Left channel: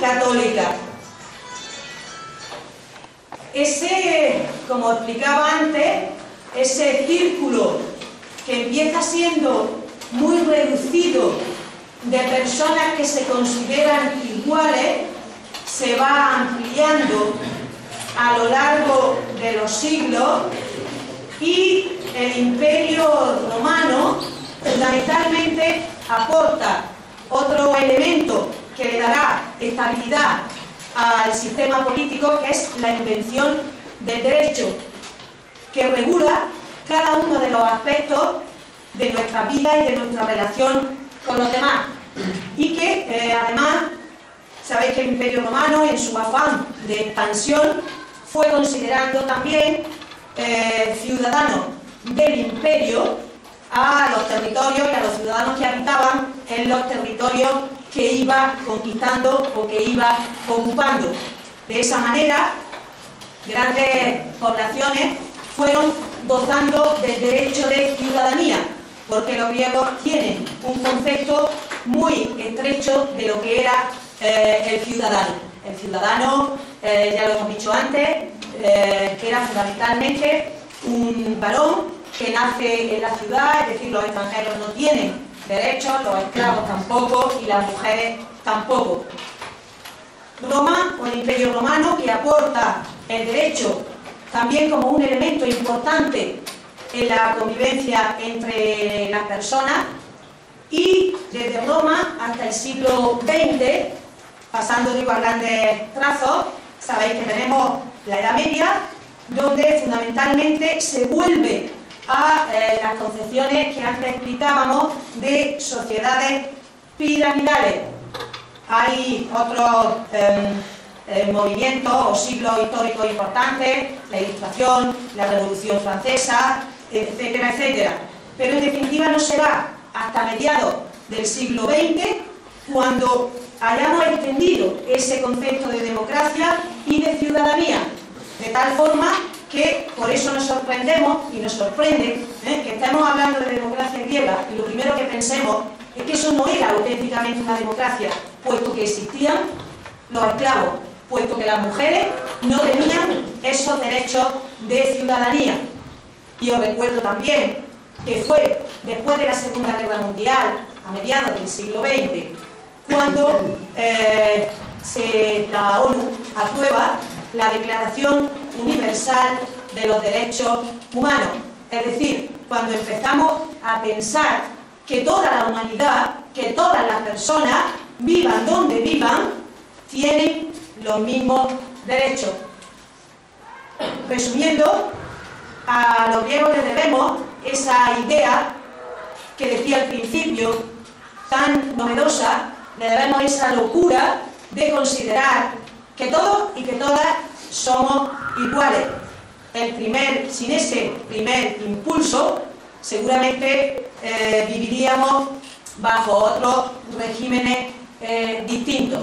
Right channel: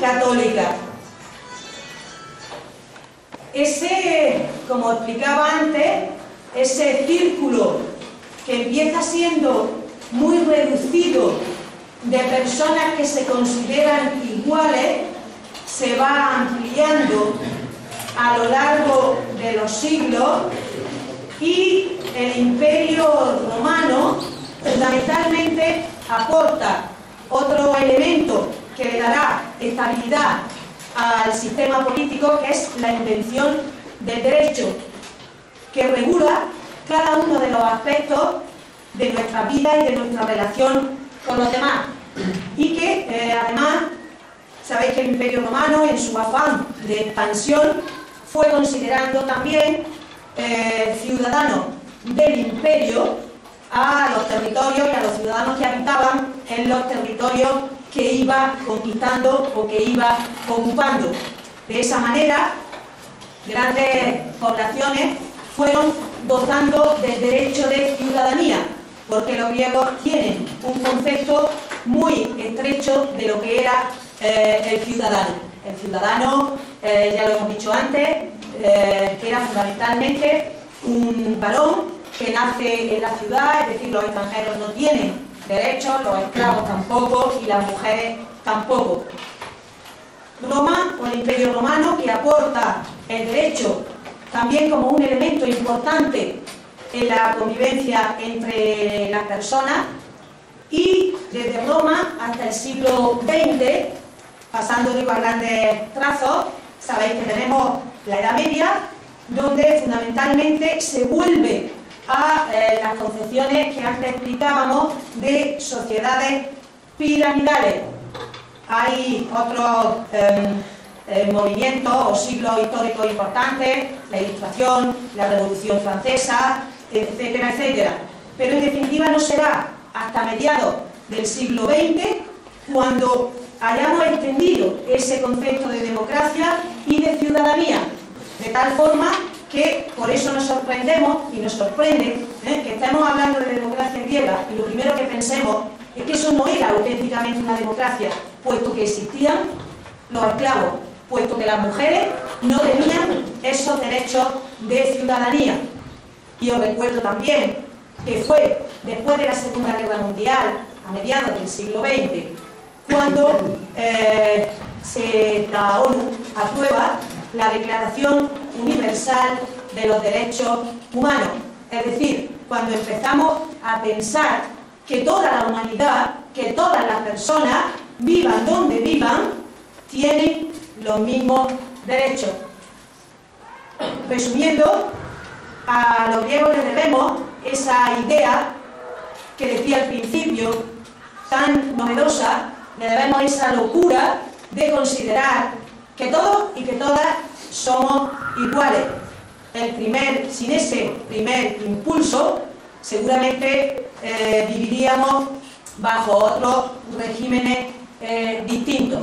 católica. Ese, como explicaba antes, ese círculo que empieza siendo muy reducido de personas que se consideran iguales, se va ampliando a lo largo de los siglos, y el Imperio Romano fundamentalmente aporta otro elemento que le dará estabilidad al sistema político, que es la invención del derecho, que regula cada uno de los aspectos de nuestra vida y de nuestra relación con los demás, y que además sabéis que el Imperio Romano, en su afán de expansión, fue considerando también ciudadanos del imperio a los territorios y a los ciudadanos que habitaban en los territorios que iba conquistando o que iba ocupando. De esa manera, grandes poblaciones fueron gozando del derecho de ciudadanía, porque los griegos tienen un concepto muy estrecho de lo que era el ciudadano. El ciudadano, ya lo hemos dicho antes, que era fundamentalmente un varón que nace en la ciudad, es decir, los extranjeros no tienen derechos, los esclavos tampoco y las mujeres tampoco. Roma, o el Imperio Romano, que aporta el derecho también como un elemento importante en la convivencia entre las personas, y desde Roma hasta el siglo XX, pasando digo, a grandes trazos, sabéis que tenemos la Edad Media, donde fundamentalmente se vuelve a las concepciones que antes explicábamos de sociedades piramidales. Hay otros movimientos o siglos históricos importantes, la Ilustración, la Revolución Francesa, etcétera, etcétera. Pero en definitiva no será hasta mediados del siglo XX cuando hayamos extendido ese concepto de democracia y de ciudadanía, de tal forma que por eso nos sorprendemos y nos sorprende que estemos hablando de democracia griega y lo primero que pensemos es que eso no era auténticamente una democracia, puesto que existían los esclavos, puesto que las mujeres no tenían esos derechos de ciudadanía. Y os recuerdo también que fue después de la Segunda Guerra Mundial, a mediados del siglo XX, cuando la ONU aprueba la Declaración Universal de los Derechos Humanos. Es decir, cuando empezamos a pensar que toda la humanidad, que todas las personas, vivan donde vivan, tienen los mismos derechos. Resumiendo, a los griegos les debemos esa idea que decía al principio, tan novedosa, le debemos esa locura de considerar que todos y que todas somos iguales. Sin ese primer impulso, seguramente viviríamos bajo otros regímenes distintos.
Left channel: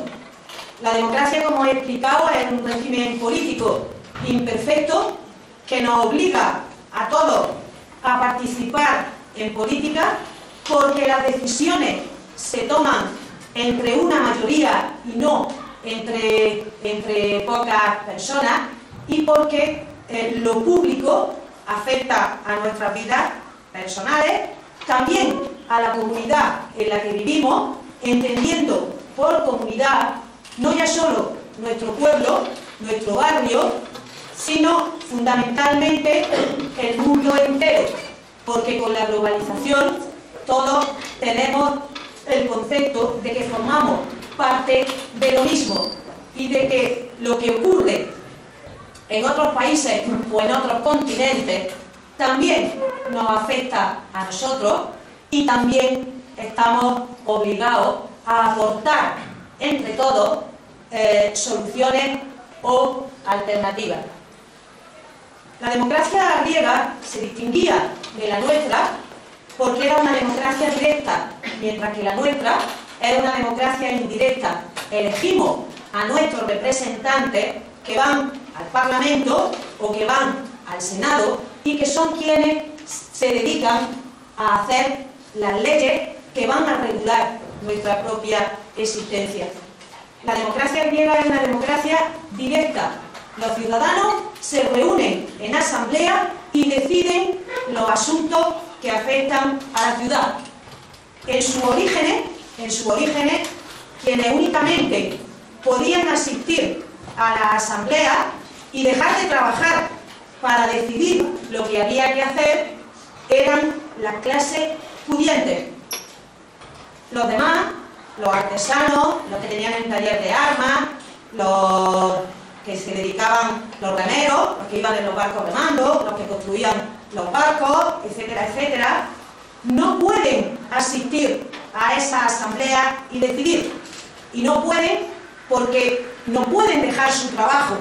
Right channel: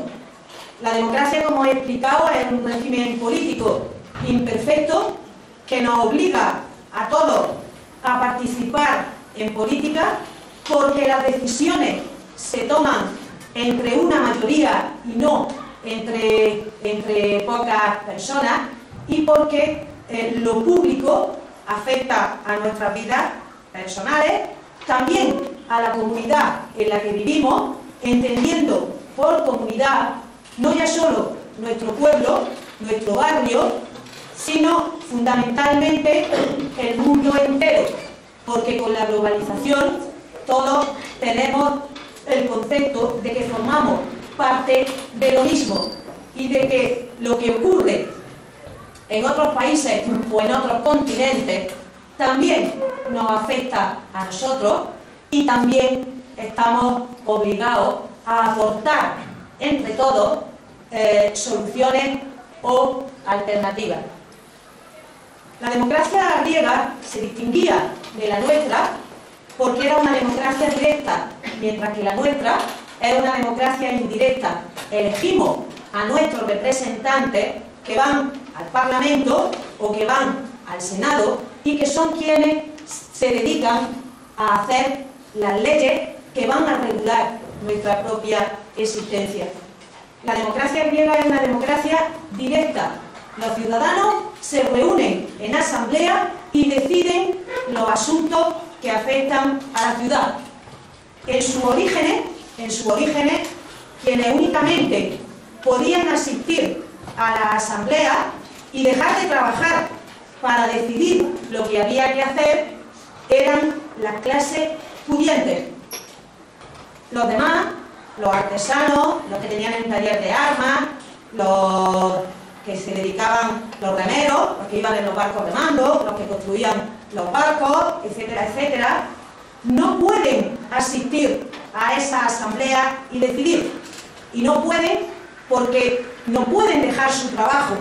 La democracia, como he explicado, es un régimen político imperfecto que nos obliga a todos a participar en política, porque las decisiones se toman entre una mayoría y no entre pocas personas, y porque lo público afecta a nuestras vidas personales, también a la comunidad en la que vivimos, entendiendo por comunidad no ya solo nuestro pueblo, nuestro barrio, sino fundamentalmente el mundo entero, porque con la globalización todos tenemos el concepto de que formamos parte de lo mismo y de que lo que ocurre en otros países o en otros continentes también nos afecta a nosotros, y también estamos obligados a aportar entre todos soluciones o alternativas. La democracia griega se distinguía de la nuestra porque era una democracia directa, mientras que la nuestra era una democracia indirecta. Elegimos a nuestros representantes que van al Parlamento o que van al Senado y que son quienes se dedican a hacer las leyes que van a regular nuestra propia existencia. La democracia griega es una democracia directa. Los ciudadanos se reúnen en asamblea y deciden los asuntos que afectan a la ciudad. En sus orígenes, quienes únicamente podían asistir a la asamblea y dejar de trabajar para decidir lo que había que hacer eran las clases pudientes. Los demás, los artesanos, los que tenían el taller de armas, los que se dedicaban, los remeros, los que iban en los barcos remando, los que construían los barcos, etcétera, etcétera, no pueden asistir a esa asamblea y decidir. Y no pueden porque no pueden dejar su trabajo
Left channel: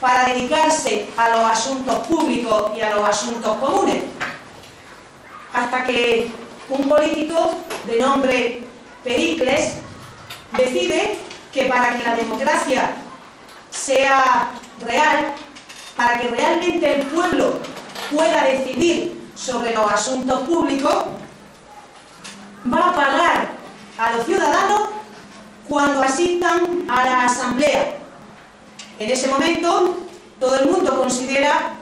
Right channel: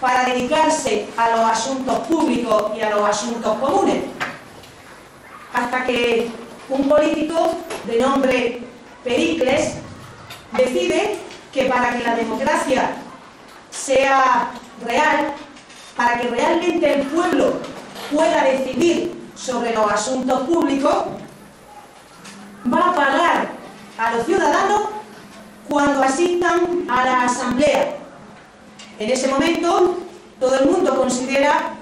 para dedicarse a los asuntos públicos y a los asuntos comunes. Hasta que un político de nombre Pericles decide que para que la democracia sea real, para que realmente el pueblo pueda decidir sobre los asuntos públicos, va a pagar a los ciudadanos cuando asistan a la asamblea. En ese momento, todo el mundo considera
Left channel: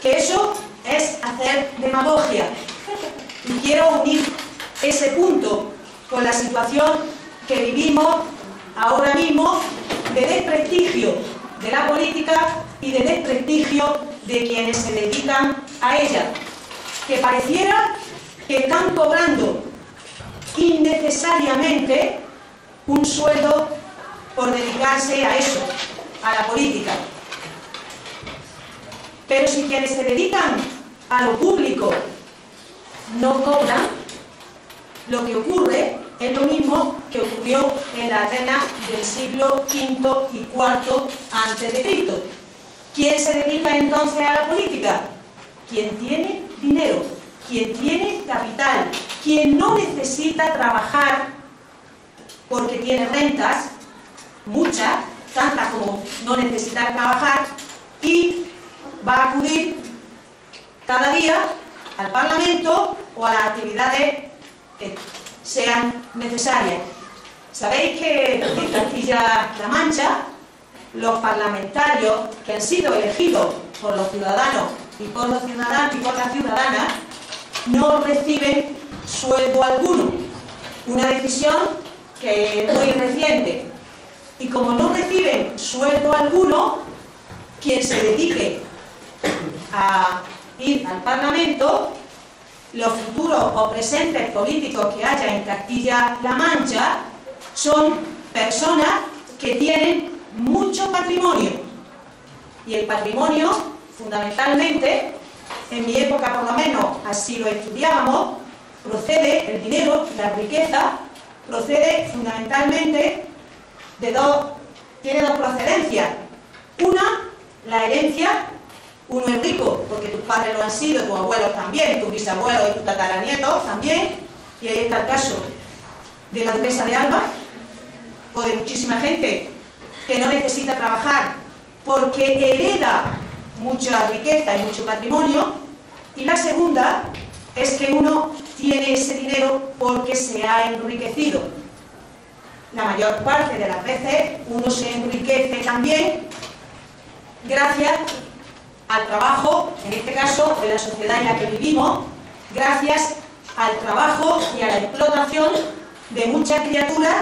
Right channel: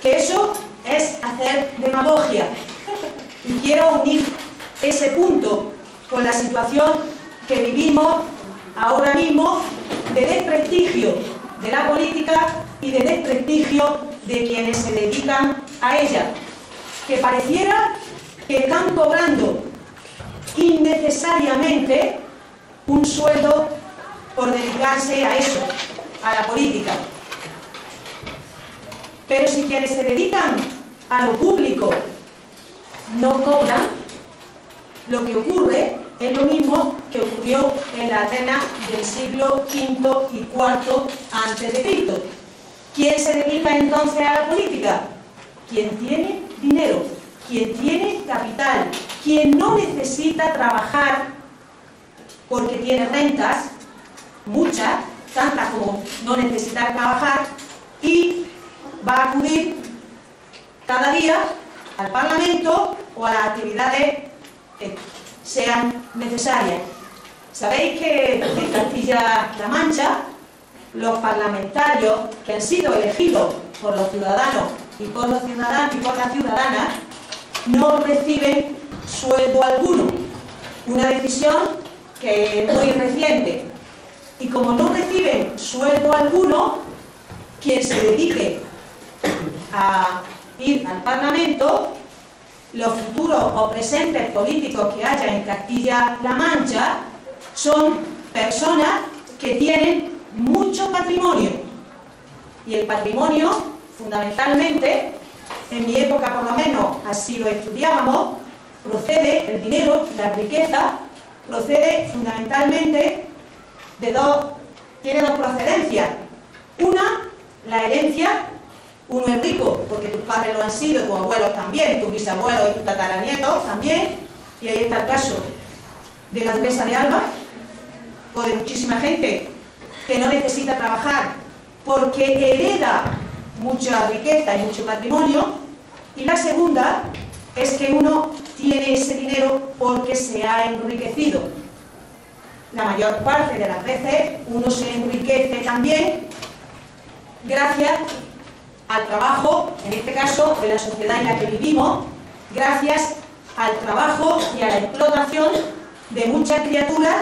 que eso es hacer demagogia. Y quiero unir ese punto con la situación que vivimos ahora mismo de desprestigio de la política y de desprestigio de quienes se dedican a ella, que pareciera que están cobrando innecesariamente un sueldo por dedicarse a eso, a la política. Pero si quienes se dedican a lo público no cobran, lo que ocurre es lo mismo que ocurrió en la Atenas del siglo V y IV a.C. ¿Quién se dedica entonces a la política? Quien tiene dinero, quien tiene capital, quien no necesita trabajar porque tiene rentas, muchas, tantas como no necesitar trabajar, y va a acudir cada día al Parlamento o a las actividades que sean necesarias. Sabéis que en Castilla-La Mancha los parlamentarios que han sido elegidos por los ciudadanos y por los ciudadanos y por las ciudadanas no reciben sueldo alguno. Una decisión que es muy reciente. Y como no reciben sueldo alguno, quien se dedique a ir al Parlamento, los futuros o presentes políticos que haya en Castilla-La Mancha son personas que tienen mucho patrimonio. Y el patrimonio, fundamentalmente, en mi época por lo menos así lo estudiábamos, procede, el dinero, la riqueza, procede fundamentalmente tiene dos procedencias. Una, la herencia. Uno es rico porque tus padres lo han sido, tus abuelos también, tus bisabuelos y tus tataranietos también, y ahí está el caso de la duquesa de Alba o de muchísima gente que no necesita trabajar porque hereda mucha riqueza y mucho patrimonio. Y la segunda es que uno tiene ese dinero porque se ha enriquecido. La mayor parte de las veces uno se enriquece también gracias al trabajo, en este caso de la sociedad en la que vivimos, gracias al trabajo y a la explotación de muchas criaturas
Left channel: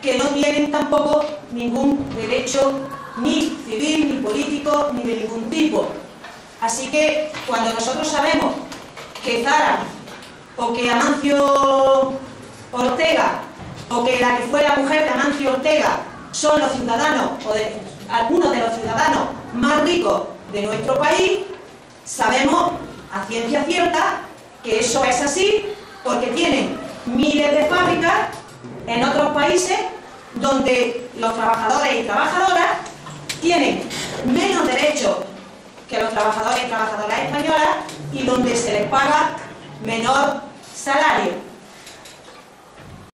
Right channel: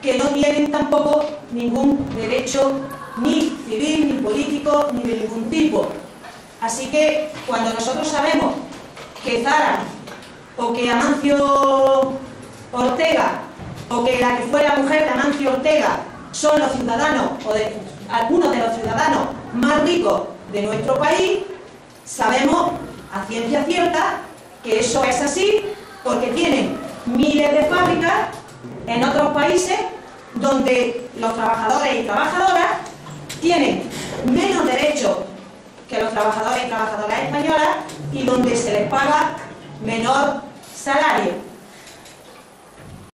que no tienen tampoco ningún derecho ni civil, ni político, ni de ningún tipo. Así que cuando nosotros sabemos que Zara o que Amancio Ortega o que la que fue la mujer de Amancio Ortega son los ciudadanos o algunos de los ciudadanos más ricos de nuestro país, sabemos a ciencia cierta que eso es así porque tienen miles de fábricas en otros países donde los trabajadores y trabajadoras tienen menos derechos que los trabajadores y trabajadoras españolas y donde se les paga menor salario.